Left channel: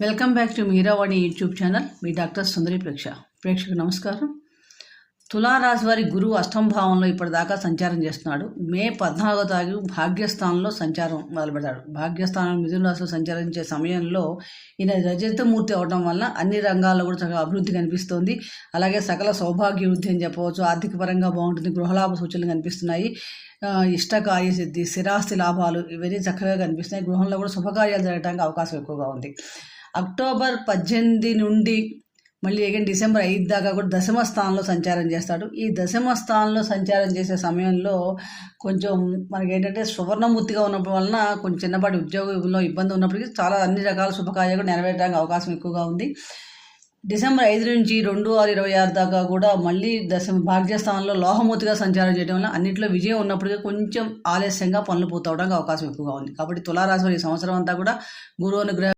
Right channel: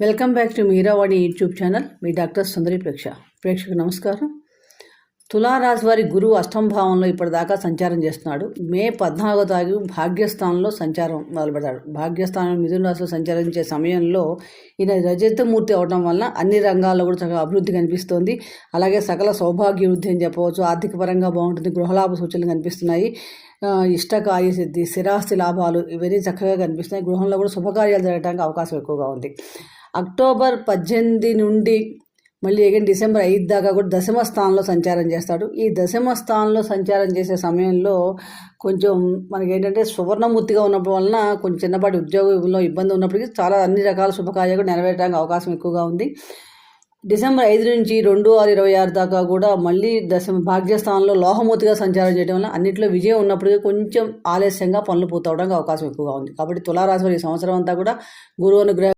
Welcome back to Meeravani YouTube channel. Me doctor Sundari ప్రేక్ష. ప్రేక్షకు నమస్కారం. తులారాశి వారి గురువు అష్టంభావంలో ఇప్పటిదాకా సంచారం చేస్తున్నాడు. మే పద్నాలుగో తారీఖు భాగ్యస్థానంలో సంచారం మొదలుపెడతాడు. భాగ్యస్థానం మిథున రాశిలో సంచరించే సమయంలో ఈయన రజతమూర్తి అవడం వల్ల అన్ని రంగాల్లో కూడా చక్కగా అభివృద్ధి కనిపిస్తోంది. అలాగే సకల సౌభాగ్య వృద్ధి అని చెప్పవచ్చు ఆర్థిక పరంగా బాగుంటుంది గృహలాభ సూచనలు కనిపిస్తున్నాయి. ఇష్టకాయ సిద్ధి స్థిరాస్తి లాభాలు ఇవన్నీ చక్కగా కనిపిస్తున్నాయి. గృహంలో కూడా శుభకార్యాలు జరగడానికి అవకాశం ఎక్కువగా ఉంది. అక్టోబర్ పద్దెనిమిది నుండి మళ్ళీ అగైన్ డిసెంబర్ ఐదు దాకా కూడా దశమ స్థానంలో సంచారం చేస్తాడు. ఈ దశమ స్థానంలో సంచారం చేసే సమయంలో కొంచెం మనకి ఏంటంటే సువర్ణమూర్తిగా ఉన్నప్పుడు వలన కొంచెం చిన్నపాటి ఉద్యోగంలో ఇబ్బంది ఉన్నప్పటికీ చాలా అన్ని రకాల శుభకార్యాలు నెరవేరడానికి అవకాశం ఎక్కువగా ఉంది. డిసెంబర్ ఐదు నుంచి రెండు ఆరు ఇరవై ఆరు దాకా కూడా మళ్ళీ దశ భాగ్యస్థానంలో లోహమూర్తిగా సంచారం చేయడం వల్ల అన్నింటిలో విజయం ఉన్నప్పటికీ కొంచెం ఆలస్యంగా పనులు పూర్తవడానికి అవకాశం ఎక్కువగా ఉంది. కాబట్టి తులారాశి ఈ సంవత్సరం అంతా కూడా గురువు అనుగ్రహం